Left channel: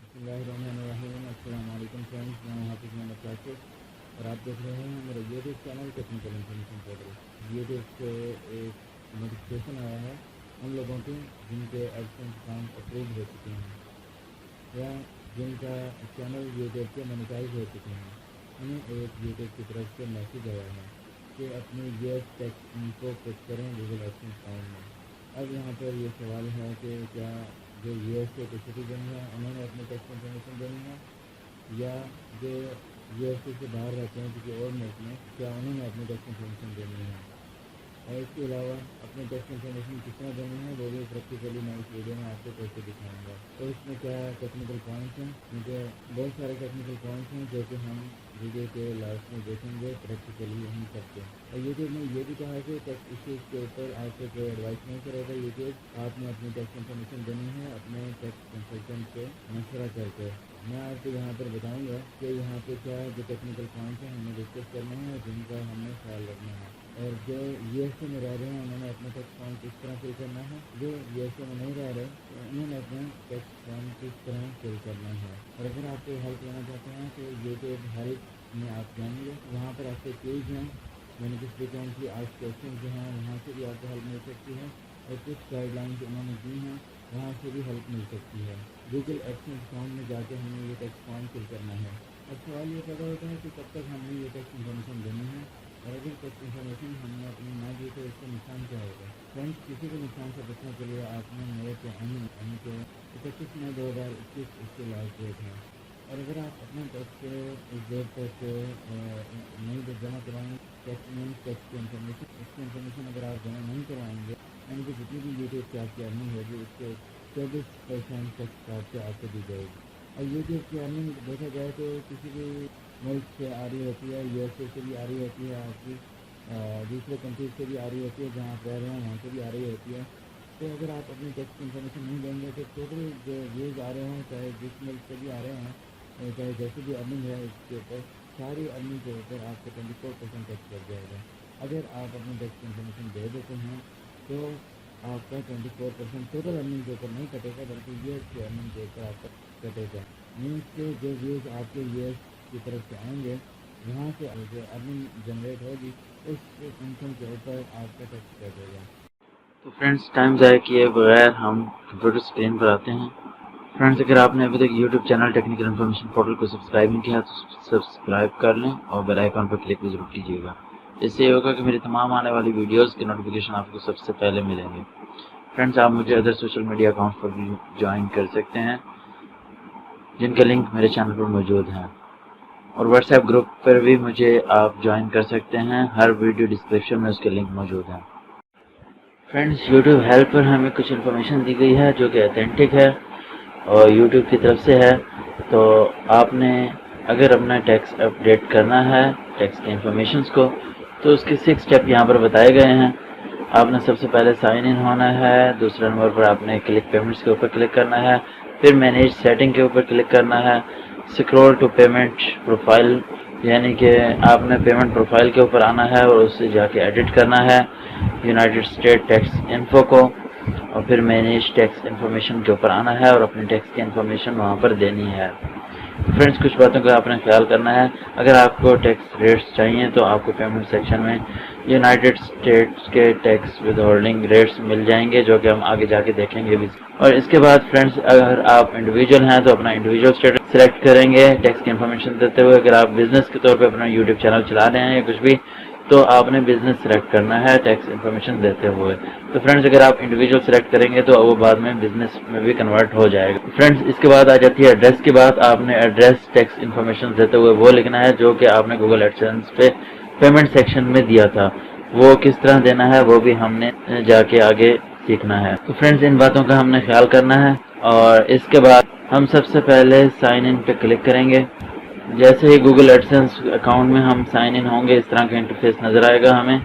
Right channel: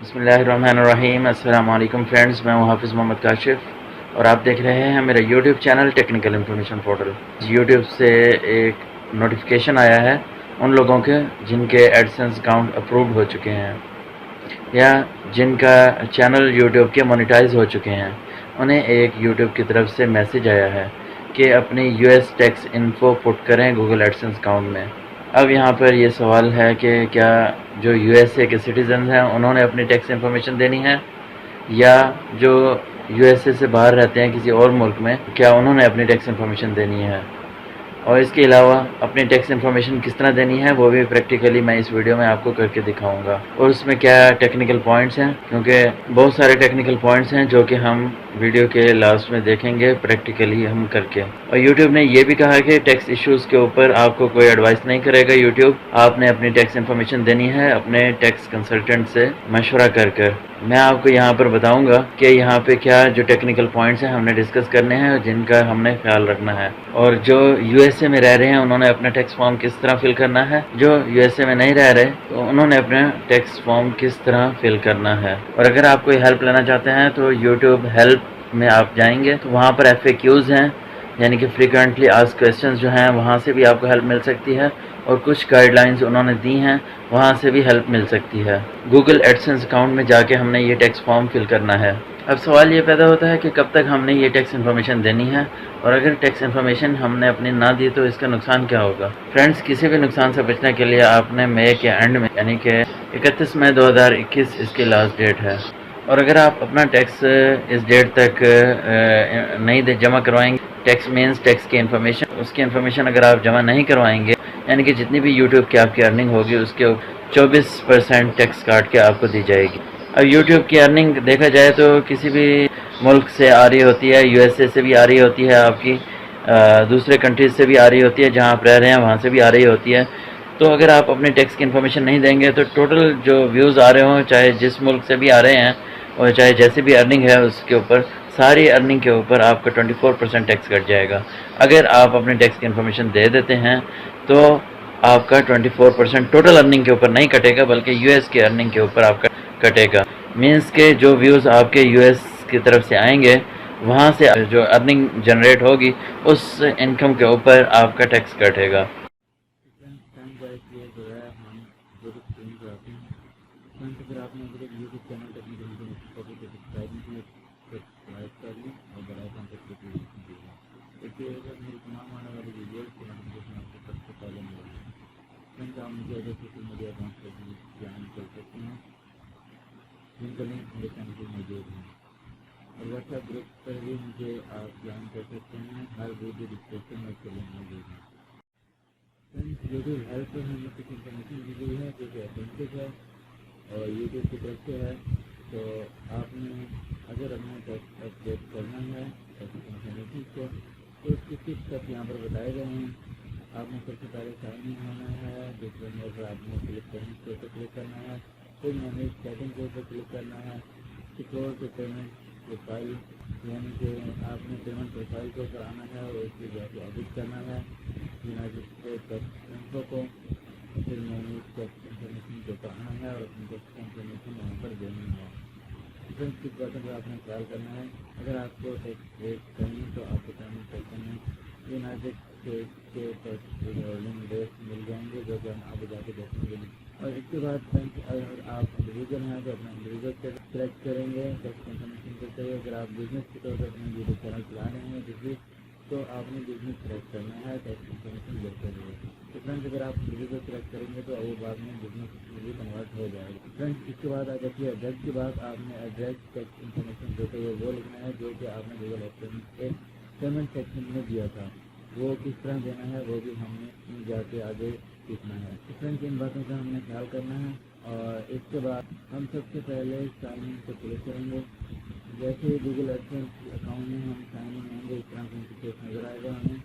بسم اللہ الرحمن الرحیم۔ السلام علیکم فرینڈز، میں ہوں حافظ محمد کاشف اور آپ دیکھ رہے ہیں میرا YouTube channel technical information portal. YouTube سے ایک نوٹیفیکیشن آیا ہے ان لوگوں کے جن کے ایڈسنس اکاؤنٹ اپرووڈ ہو چکے ہیں یا جن کا چینل یوٹیوب کے مونیٹائز ہو چکے ہیں، انہیں ایک یوٹیوب کی طرف سے میسیج آیا ہے کہ اپنی یو ایس ٹیکس انفو پٹ کریں گوگل ایڈسنس اکاؤنٹ میں۔ اب یہاں پر یہ سوال ہے کہ کیا جو یو ایس اے کے سٹیزنز ہیں انہوں نے اپنی ٹیکس انفارمیشن دینی ہے، یا جو یو ایس اے سے باہر رہتے ہیں کسی اور ملک میں، کیا انہوں نے اپنی ٹیکس انفارمیشن دینی ہے، اور اس کے علاوہ اپنی ٹیکس انفارمیشن کس طرح دینی ہے وہ بھی پریکٹیکلی میں اس ویڈیو میں آپ کو کر کے دکھاؤں گا، اور اس میں کیا ٹیکنیکل پوائنٹس ہیں، کیونکہ بہت سارے ٹیکنیکل پوائنٹس ہیں جو کہ ہم ویڈیو کے لاسٹ میں دیکھیں گے پریکٹیکلی ہم کر کے۔ اور یوٹیوب نے یہ بھی کہا کہ ٹیکس ایشوز کے اوپر آپ کو کوئی ایڈوائس نہیں کرے گا یوٹیوب، آپ نے اپنی ٹیکس انفارمیشن دینی ہے اپنے ٹیکس کنسلٹنٹ سے مشورہ کر۔ میں آپ کو یہاں پر بتاؤں گا کہ یہاں پہ کیا جو ٹیکنیکل پوائنٹس ہیں ہم نے ڈسکس کرنے ہیں اور جن کا ہم نے خیال رکھنا ہے، اور جو یو ایس اے میں رہ رہے ہیں انہوں نے اپنا ٹیکس فارم کس طرح فل کرنا ہے، جو یو ایس اے میں نہیں رہ رہے تو انہوں نے اپنا ٹیکس فارم کس طرح فل کرنا ہے۔ اور اگر آپ کوئی ہیلپ لینا چاہتے ہیں تو یوٹیوب ہیلپ میں آپ جائیں گے تو وہاں پر ایف اے کیوز ہیں، یعنی کہ فریکوینٹلی آسکڈ کویسچنز جو ہیں، وہاں سے بھی آپ کو ہیلپ مل سکتی ہے، اور کچھ گائیڈ لائنز انہوں نے دی ہیں وہاں سے بھی ہیلپ مل سکتی ہے۔ گوگل ایڈسنس اکاؤنٹ میں جا کے ہم نے یہ ٹیکس فارم فل کرنا ہے۔ اب سوال یہ پیدا ہوتا ہے کہ کب تک ہم نے یہ ٹیکس انفارمیشن دینی ہے، اور اگر ٹیکس انفارمیشن ہم نے اپنی نہ دی تو اس کا نقصان کیا ہوگا۔ فرینڈز، کسی بھی نقصان سے بچنے کے لیے آپ نے مئی کے اینڈ میں، یعنی کہ 31 مئی 2021 اس کی لاسٹ ڈیٹ ہے، اور اگر آپ اپنا ٹیکس اس ڈیٹ تک نہیں جمع کروائیں گے، ٹیکس مینس ٹیکس کی انفارمیشن، اس کی انفارمیشن اگر آپ جمع نہیں کروائیں گے، یعنی کہ جتنی بھی یوٹیوب کی آپ کی ارننگ ہوگی اس کے 24% ٹیکس کاٹ کے آپ کو دی جائے گی۔ اب یوٹیوب کی ارننگ دیکھا جائے تو کسی بھی ملک سے آ رہی ہوتی ہے، یو ایس اے سے بھی آ رہی ہوتی ہے، آپ کی دوسرے کنٹریز سے بھی آ رہی ہوتی ہے، جہاں آپ رہ رہے ہیں وہاں سے بھی آ رہی ہوتی ہے۔ تو اگر آپ اپنے ٹیکس کی انفارمیشن نہیں دیں گے تو ٹوٹل جو ویوز آ رہے ہوں، چاہے جس ملک سے بھی آ رہے ہیں اور چاہے جیسی بھی ارننگ ہے اس کے اوپر، ساری ارننگ کے اوپر آپ کا 24% ٹیکس کٹ جائے گا۔ اگر آپ اپنے ٹیکس کی انفارمیشن دے دیتے ہیں تو آپ کا 24% ٹوٹل ارننگ کے اوپر نہیں کٹے گا، بلکہ یو ایس کے ارننگ کے اوپر آپ کا کٹے گا۔ مینس کے جو ویوز آپ کے یو ایس کی طرف سے آئیں گے، وہاں سے جو ارننگ جنریٹ ہوگی اس انکم کے اوپر آپ کا ٹیکس کٹے گا۔ تو فرینڈز، ٹائم ضائع کیے بغیر ہم کمپیوٹر اسکرین پر آتے ہیں۔ فرینڈز، اگر آپ نے ابھی تک YouTube channel technical information portal کو سبسکرائب نہیں کیا تو سبسکرائب کر لیں اور بیل آئیکن پر کلک بھی ضرور کیجیے گا۔ اس سے یہ ہوگا کہ میری تمام آنے والی ویڈیوز کے نوٹیفیکیشن آپ کو سب سے پہلے ملیں گے۔ فرینڈز، آپ مجھے ادر سوشل میڈیا اکاؤنٹس پر بھی جوائن کر سکتے ہیں جن کا لنک میرے چینل پر موجود ہے، اور واٹس ایپ گروپ پر بھی مجھے آپ جوائن کر سکتے ہیں، ہر ویڈیو ڈسکرپشن میں اس کے لنک موجود ہیں۔ فرینڈز، یوٹیوب ہیلپ پر ہمیں کچھ انفارمیشن دی گئی ہے جو کہ اتھینٹک ہے اور یوٹیوب کی طرف سے ہے۔ تو آپ نے اگر اپنا ٹیکس اپڈیٹ کرنا ہے، ٹیکس کے انفارمیشنز کو، تو اس کے 6 اسٹیپ یہاں پر بتائے گئے ہیں۔ آپ نے سب سے پہلے سائن ان ہونا ہے، دوسرے نمبر پر آپ نے کلک پیمنٹس کے اوپر کلک کرنا ہے، پھر مینیج سیٹنگ کے اوپر کلک کرنا ہے، اسکرول ٹو پیمنٹ پروفائل، یعنی کہ آپ نے پیمنٹ پروفائل کے اوپر آنا ہے اور اس سے جا کے ایڈٹ کرنا ہے یونائٹڈ اسٹیٹ ٹیکس انفو کو، اور پھر مینیج ٹیکس انفارمیشن کے اوپر آنا ہے اور اپنی ٹیکس کی انفارمیشن وہاں پر دینی ہے۔ فرینڈز، کچھ باتوں کا آپ نے خیال کرنا ہے۔ اگر آپ کو ٹیکس ریٹس چاہیے تو آپ کو پیمنٹ سیکشن میں یونائٹڈ اسٹیٹس کے ٹیکس ود ہولڈنگ ریٹس مل جائیں گے، جو کہ ہم آگے جا کے دیکھیں گے بھی۔ اور اس کے بعد فرینڈز، اگر آپ انڈیویجول ہیں تو اپنا انڈیویجول اسٹیٹس سلیکٹ کریں گے ٹیکس کی انفارمیشن دیتے ہوئے۔ اگر آپ بزنس کے طور پہ اپنا یوٹیوب چینل چلا رہے ہیں یا کچھ بھی، تو آپ نے بزنس سلیکٹ کرنا ہے ٹیکس انفارمیشن دیتے ہوئے۔ تو فرینڈز، اگر آپ انڈیویجول سلیکٹ کریں گے تو وہ بعد میں بزنس میں بھی کنورٹ ہو جائے گا۔ فرینڈز، اس کے بعد آ جاتی ہے ایڈریس کی بات۔ آپ نے ایڈریس ٹیکس انفارمیشن دیتے ہوئے وہ لکھنا ہے جو کہ آپ نے گوگل ایڈسنس پہ پیمنٹ سیکشن میں دیا تھا، وہ کس طرح دینا ہے وہ بھی ہم نے جا کے آگے سیکھنا ہے۔ تو فرینڈز، ان باتوں کا ہم نے خیال کرنا ہے، اور اس کے بعد ہم سب سے پہلے سائن ان پہ کلک کریں گے۔ جیسے ہی گوگل ایڈسنس اکاؤنٹ میں ہم سائن ان ہوں گے، اس طرح کا انٹرفیس نظر آئے گا ہمیں،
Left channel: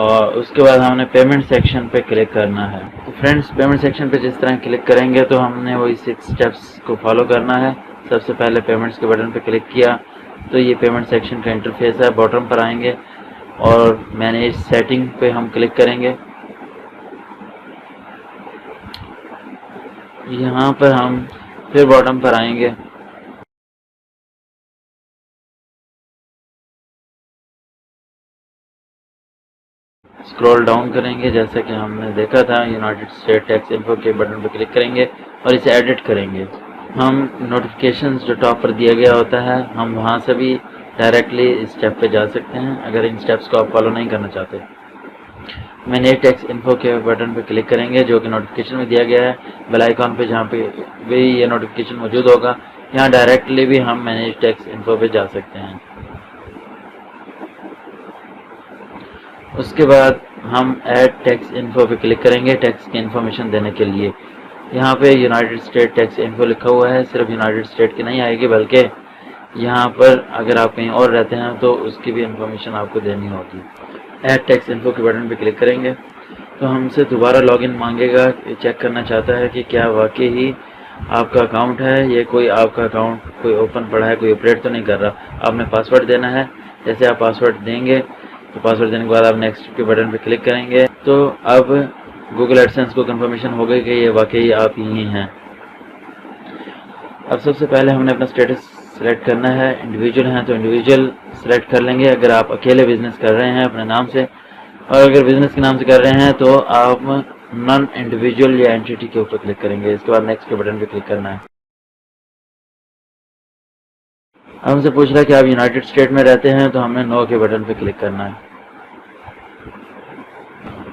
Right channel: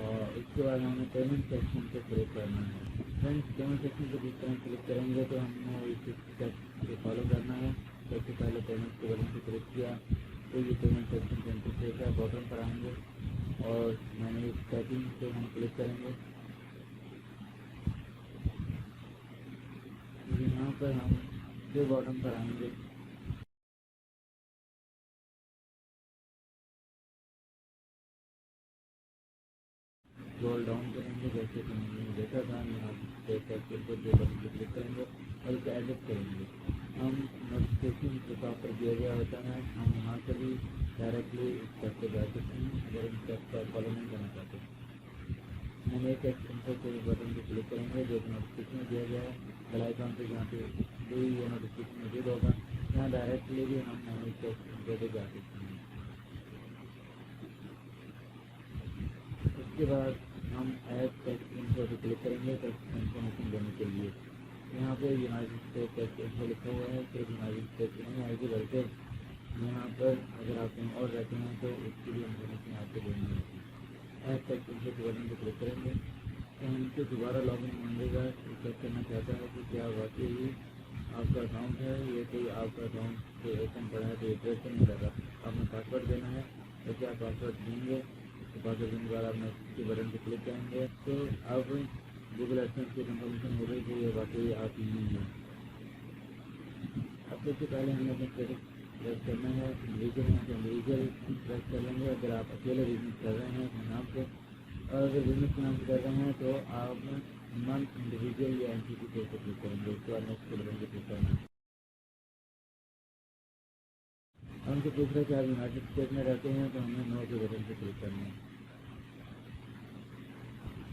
اور اس کے بعد ہم نے پیمنٹ سیکشن پہ کلک کرنا ہے۔ تو فرینڈز، پیمنٹ سیکشن پہ جس طرح کلک کریں گے تو ہم نے وہی 6 اسٹیپس کو فالو کرنا ہے۔ سب سے پہلے پیمنٹس کے بٹن پہ کلک کیا تو یہ پیمنٹ سیکشن کا انٹرفیس ہے، باٹم پر آئیں گے اور مینیج سیٹنگ پہ ہم کلک کریں گے۔ یہاں پر ہم پھر باٹم پر آئیں گے، اسکرول ڈاؤن کریں گے، جیسا کہ ہم نے دیکھا تھا یونائٹڈ اسٹیٹ ٹیکس انفو کے بٹن پہ کلک کریں گے اور اسے ایڈٹ کریں گے۔ ہم نوٹیفیکیشنز جو ٹاپ پر دیا گیا ہوتا ہے، ہم وہاں سے بھی ڈائریکٹلی اس اسٹیپ پہ جا سکتے ہیں اگر ان اسٹیپس کو آپ فالو نہیں کرنا چاہتے۔ مینیج ٹیکس انفو کے بٹن پہ کلک کریں گے جو کہ نوٹیفیکیشن میں دیا گیا ہے، بیل آئیکن پہ جہاں پہ بھی یہ نوٹیفیکیشن موجود ہوگا، یہاں ڈائریکٹلی بھی ہم مینیج ٹیکس انفو پہ جا سکتے ہیں۔ اس کے بعد ہم ایڈ ٹیکس انفو پہ کلک کریں گے ٹیکس کی انفارمیشن دینے کے لیے۔ یہاں پہ یونائٹڈ اسٹیٹ ٹیکس انفو لکھا ہوا ہے، صرف یونائٹڈ اسٹیٹ کی نہیں آئے گی بلکہ یہاں پر اگر آپ کہیں اور رہتے ہیں تو اس کی بھی انفارمیشن آپ کو دینی ہوگی۔ ایڈ ٹیکس انفو کے بٹن پہ کلک کریں گے تو ہم سے دوبارہ لاگ ان مانگے گا، چیک کرنا چاہتا ہے کہ کیا واقعی ہی آپ کا اکاؤنٹ ہے، یہ کوئی آپ کا اکاؤنٹ کوئی اوپن پڑا ہے، کوئی آپریٹ تو نہیں کر رہا۔ آپ نے پاسورڈ دینا ہے، جیسے آپ پاسورڈ دیں گے تو پاسورڈ دینے کے بعد آپ نیکسٹ کے بٹن پہ کلک کریں گے تو اب گوگل ایڈسنس کو کنفرمیشن ہو گئی کہ یہ واقعی آپ ہی ہیں۔ اب سب سے پہلے ہم نے اپنا اسٹیٹس سلیکٹ کرنا ہے، انڈیویجول ہیں تو انڈیویجول سلیکٹ کر لیں گے اگر آپ اکیلے بزنس کر رہے ہیں اپنے نام سے، اور اگر بزنس کے نام سے کر رہے ہیں تو آپ نان انڈیویجول یا اینٹیٹی کے اوپر کلک کریں گے۔ اس کے بعد نیکسٹ کے بٹن پہ کلک کرنا ہے۔ ہم سے پوچھ رہا ہے کہ آپ یونائٹڈ اسٹیٹ میں رہتے ہیں تو ہم نے نو کے بٹن پہ کلک کرنا ہے۔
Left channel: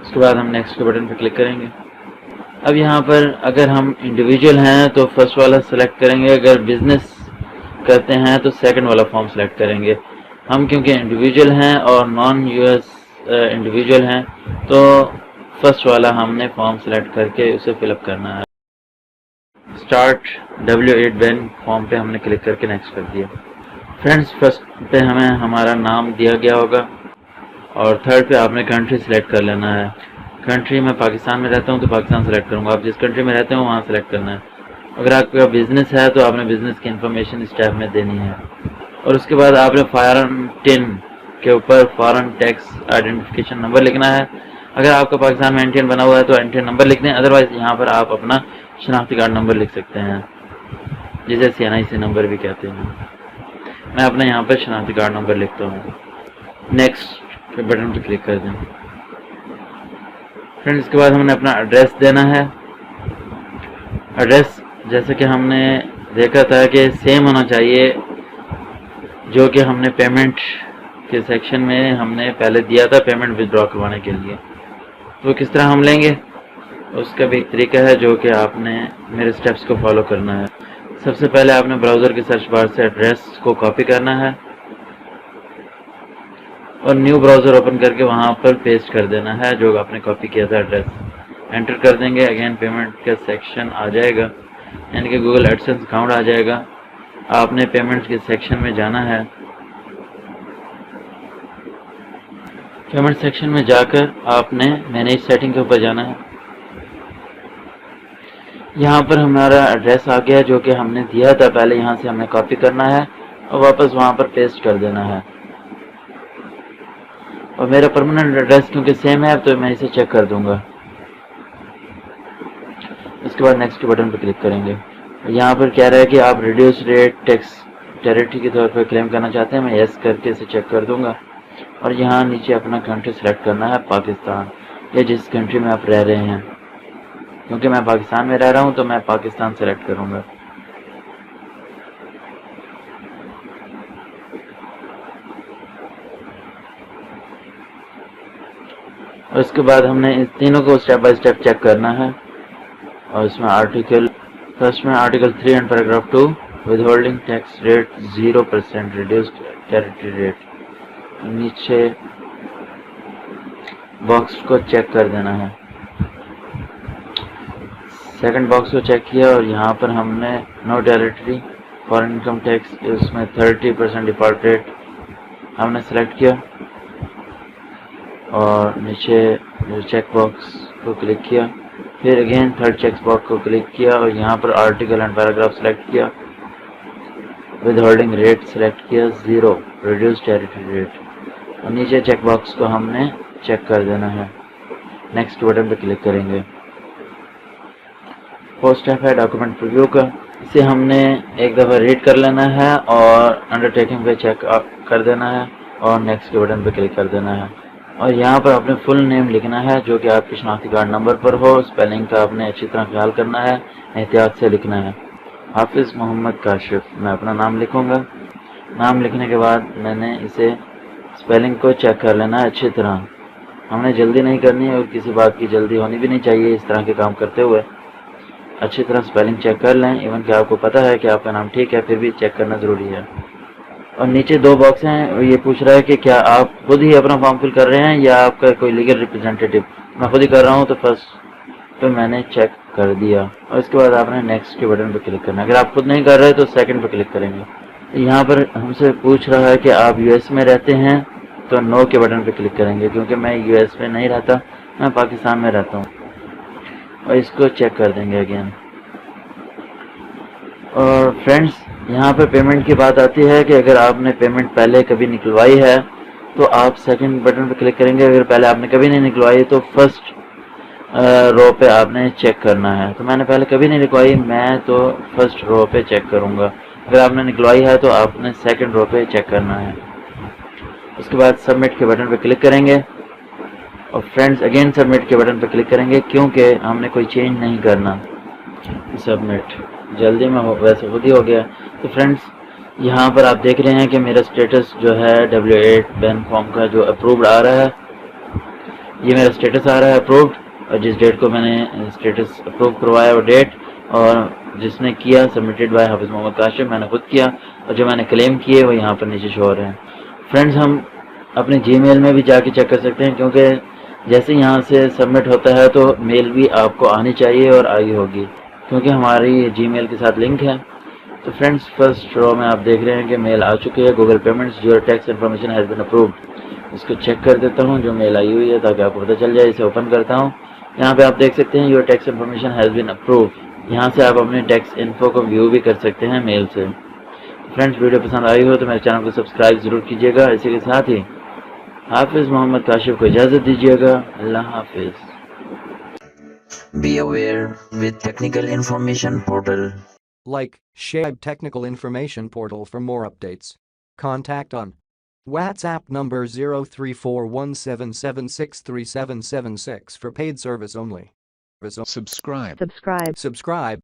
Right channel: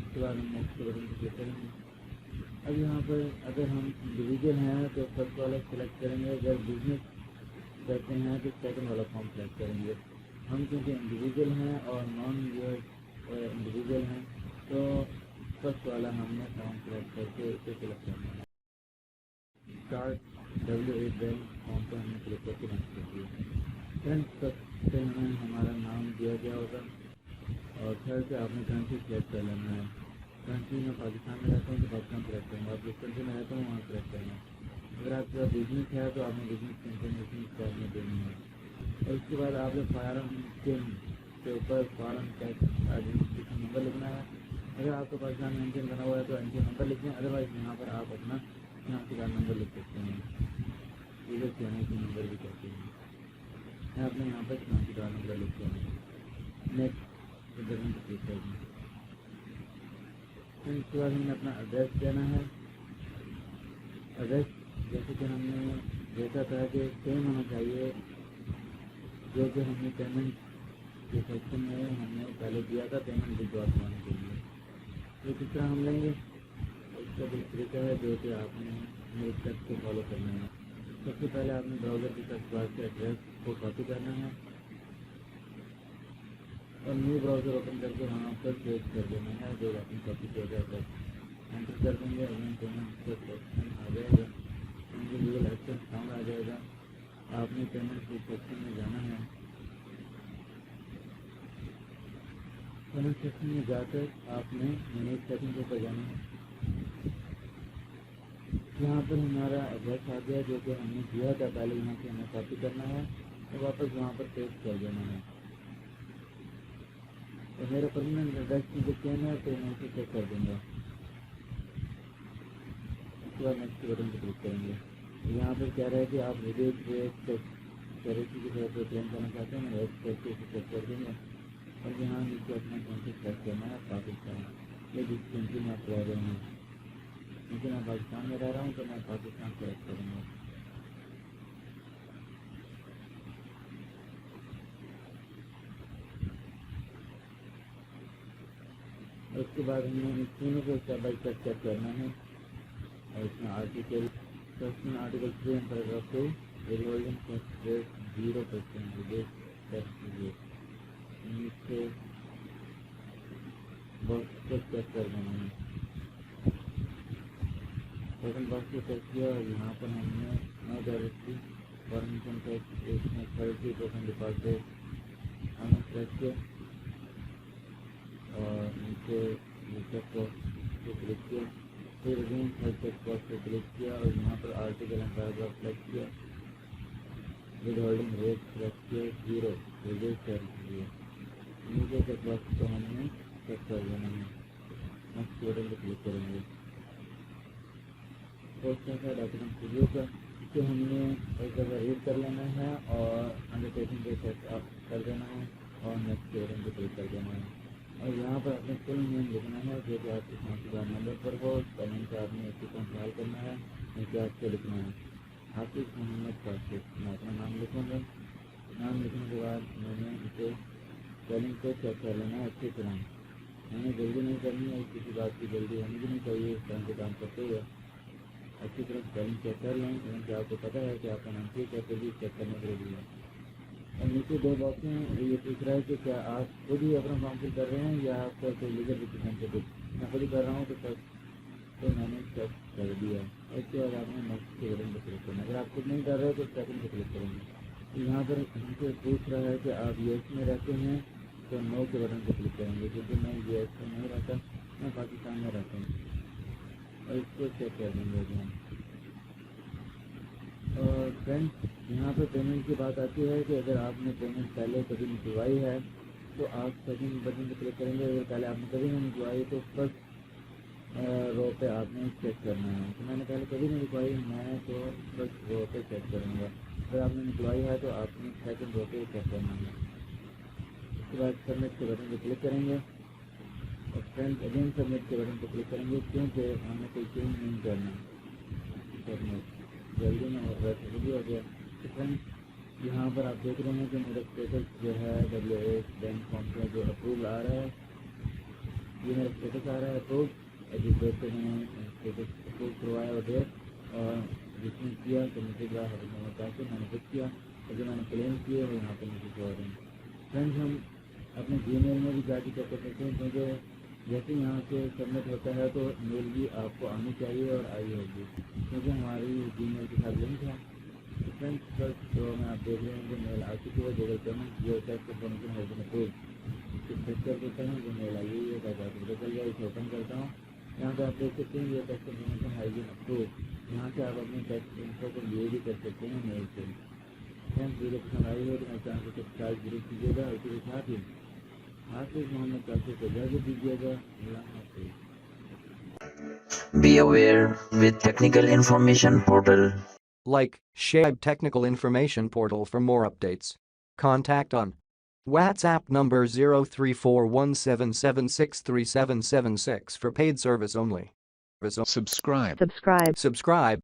اس کے بعد ہم نیکسٹ کے بٹن پہ کلک کریں گے۔ اب یہاں پر اگر ہم انڈیویجول ہیں تو فرسٹ والا سلیکٹ کریں گے، اگر بزنس کرتے ہیں تو سیکنڈ والا فارم سلیکٹ کریں گے۔ ہم کیونکہ انڈیویجول ہیں اور نان یو ایس انڈیویجول ہیں تو فرسٹ والا ہم نے فارم سلیکٹ کر کے اسے فل اپ کرنا ہے۔ اسٹارٹ W8 بینک فارم پہ ہم نے کلک کر کے نیکسٹ کر دیا۔ فرینڈز فرسٹ پہ ہمیں ہمارا نام دیا گیا ہوگا اور تھرڈ پہ آپ نے کنٹری سلیکٹ کر لینا ہے۔ کنٹری میں پاکستان میں رہتا ہوں تو پاکستان سلیکٹ کروں گا، آپ جس کنٹری میں رہتے ہوں وہاں سلیکٹ کرنا ہے۔ اگر آپ کا بزنس ہے تو آپ نے بزنس کی انفارمیشن اس ٹیب میں دینی ہے، اور اس کے بعد آپ نے فارن 10 کے اوپر فارن ٹیکس آئیڈینٹیفیکیشن نمبر لکھنا ہے۔ اگر آپ کا پاکستان میں NTN بنا ہوا ہے تو NTN نمبر لکھ دیں، ادروائز یہاں پر آپ اپنا شناختی کارڈ نمبر لکھ سکتے ہیں جسے CNIC نمبر بھی کہتے ہیں۔ میں اپنا یہاں پر شناختی کارڈ نمبر لکھتا ہوں۔ نیکسٹ کے بٹن پہ کلک کر دیں۔ فرینڈ اس کے بعد ہم نے اپنا ایڈریس دینا ہے۔ ایڈریس جیسے کہ ہم نے دیکھا تھا کہ سیم ہونا چاہیے جو کہ ہم نے پیمنٹ کے سیکشن میں ہم نے پہلے دیا تھا پیمنٹ ودرا کروانے کے لیے، تو کس طرح ہم لیں گے اس کا بھی ایک طریقہ ہے جو کہ آپ نے میرے سٹیپس کو فالو کرنا ہے۔ سب سے پہلے آپ نے براؤزر کے سرچ بار سے ایڈریس کو کاپی کرنا ہے اور نیو براؤزر اوپن کر کے وہاں پر پیسٹ کر دینا ہے جو آپ نے کاپی کیا تھا ایڈریس۔ انٹر کر دیں گے، اگین پیمنٹ کا سیکشن آ جائے گا، یعنی کہ گوگل ایڈسنس اکاؤنٹ آ جائے گا۔ آپ نے پیمنٹ کے سیکشن میں جانا ہے، پیمنٹ سیکشن میں جا کر آپ نے مینیج سیٹنگ کے اوپر جانا ہے۔ یہاں پر ہمارا ایڈریس آ گیا جو کہ ہم نے دیا تھا پہلے، یہاں سے ہمیں کاپی کرنا ہے اور واپس وہاں پر پیسٹ کر دینا ہے۔ اور میرا پرماننٹ ایڈریس کیونکہ سیم ہے تو میں اسے چیک کر دوں گا۔ اس کے بعد نیکسٹ کے بٹن پہ کلک کریں گے۔ یہاں پر کہہ رہا ہے کہ آپ ریڈیوس ریٹ ٹیکس ٹیریٹری کے طور پر کلیم کرنا چاہتے ہیں، میں یس کر کے اسے چیک کر دوں گا، اور یہاں نیچے اپنا کنٹری سلیکٹ کرنا ہے، پاکستان، یا جس کنٹری میں آپ رہ رہے ہیں۔ کیونکہ میں پاکستان میں رہ رہا ہوں تو میں پاکستان سلیکٹ کروں گا۔ اور اس کے بعد ہم نے اس تینوں کو اسٹیپ بائی اسٹیپ چیک کرنا ہے، اور اس میں آرٹیکل فرسٹ میں article 3 and paragraph 2 withholding tax rate 0% reduced territory rate, نیچے باکس کو چیک کر دینا ہے۔ سیکنڈ باکس کو چیک کیا اور یہاں پر ہم نے نو ٹیریٹری فار انکم ٹیکس، اس میں 30% ڈیفالٹ ریٹ ہم نے سلیکٹ کیا، اور نیچے چیک باکس کو کلک کیا، پھر اگین تھرڈ چیک باکس کو کلک کیا اور یہاں پر آرٹیکل اینڈ پیراگراف سلیکٹ کیا، ود ہولڈنگ ریٹ سلیکٹ کیا 0 ریڈیوس ٹیریٹری ریٹ، اور نیچے چیک باکس کو ہم نے چیک کر دینا ہے۔ نیکسٹ بٹن پہ کلک کریں گے۔ فورتھ اسٹیپ ہے ڈاکومنٹ پریویو کا، اسے ہم نے ایک دفعہ ریڈ کر لینا ہے اور انڈرٹیکنگ پہ چیک کر دینا ہے اور نیکسٹ کے بٹن پہ کلک کر دینا ہے، اور یہاں پر اپنے فل نیم لکھنا ہے جو کہ آپ کی شناختی کارڈ نمبر پر ہو. اسپیلنگ کا آپ نے اچھی طرح خیال کرنا ہے، احتیاط سے لکھنا ہے. حافظ محمد کاشف، میں اپنا نام لکھوں گا. نام لکھنے کے بعد میں نے اسے اسپیلنگ کو چیک کر لینا ہے اچھی طرح. ہم نے جلدی نہیں کرنی اور کسی بات کی جلدی ہونی بھی نہیں چاہیے اس طرح کے کام کرتے ہوئے. اچھی طرح اسپیلنگ چیک کر لیں، ایون کہ آپ کو پتہ ہے کہ آپ کا نام ٹھیک ہے پھر بھی چیک کرنا ضروری ہے. اور نیچے دو باکس ہیں، یہ پوچھ رہا ہے کہ کیا آپ خود ہی اپنا فارم فل کر رہے ہیں یا آپ کا کوئی لیگل ریپرزینٹیٹیو. میں خود ہی کر رہا ہوں تو فرسٹ پہ میں نے چیک کر دیا، اور اس کے بعد آپ نے نیکسٹ کے بٹن پہ کلک کرنا ہے. اگر آپ خود نہیں کر رہے تو سیکنڈ پہ کلک کریں گے. یہاں پر ہم سے پوچھ رہا ہے کہ آپ یو ایس میں رہتے ہیں تو نو کے بٹن پہ کلک کریں گے، کیونکہ میں یو ایس میں نہیں رہتا، میں پاکستان میں رہتا ہوں. اور اس کو چیک کر دیں گے اگین. اور فرینڈس یہاں پہ پیمنٹ کی بات آتی ہے کہ اگر آپ نے پیمنٹ پہلے کبھی نکلوائی ہے تو آپ سیکنڈ بٹن پہ کلک کریں گے. اگر پہلے آپ نے کبھی نہیں نکلوائی تو فرسٹ رو پہ آپ نے چیک کرنا ہے. تو میں نے پہلے کبھی نہیں نکلوائی، میں تو فرسٹ رو پہ چیک کروں گا. اگر آپ نے نکلوائی ہے تو آپ نے سیکنڈ رو پہ چیک کرنا ہے. اس کے بعد سبمٹ کے بٹن پہ کلک کریں گے. اور فرینڈس اگین سبمٹ کے بٹن پہ کلک کریں گے کیونکہ ہم نے کوئی چینج نہیں کرنا. سبمٹ جلدی میں ویسے خود ہی ہو گیا. تو فرینڈس یہاں پر آپ دیکھ رہے ہیں کہ میرا اسٹیٹس جو ہے W8 بین فارم کا جو اپرووڈ آ رہا ہے، یہ میرا اسٹیٹس آ رہا ہے اپرووڈ. اور جس ڈیٹ کو میں نے اسٹیٹس اپروو کروایا وہ ڈیٹ، اور جس نے کیا سبمٹڈ بائی حافظ محمد کاشف، میں نے خود کیا، اور جو میں نے کلیم کیے وہ یہاں پر نیچے شو ہو رہے ہیں. فرینڈز ہم اپنے جی میل میں بھی جا کے چیک کر سکتے ہیں، کیونکہ جیسے یہاں سے سبمٹ ہوتا ہے تو میل بھی آپ کو آنی چاہیے اور آئی ہوگی، کیونکہ ہماری جی میل کے ساتھ لنک ہے. تو فرینڈس فرسٹ رو میں آپ دیکھ رہے ہیں کہ میل آ چکی ہے، Google payments your tax information has been approved. اس کو چیک کر دیتا ہوں جو میل آئی ہوئی ہے تاکہ آپ کو پتہ چل جائے. اسے اوپن کرتا ہوں. یہاں پہ آپ دیکھ سکتے ہیں your tax information has been approved. یہاں سے آپ اپنے ٹیکس انفو کو ویو بھی کر سکتے ہیں میل سے. فرینڈس ویڈیو پسند آئی ہو تو میرے چینل کو سبسکرائب ضرور کیجیے گا. اسی کے ساتھ ہی حافظ محمد کاشف کو اجازت دیجیے گا. اللہ حافظ. Be aware with Technical Information Portal. Like, share Technical Information Portal for more updates. Contact on WhatsApp number 034177637776 for paid service only. Subscribe. Subscribe.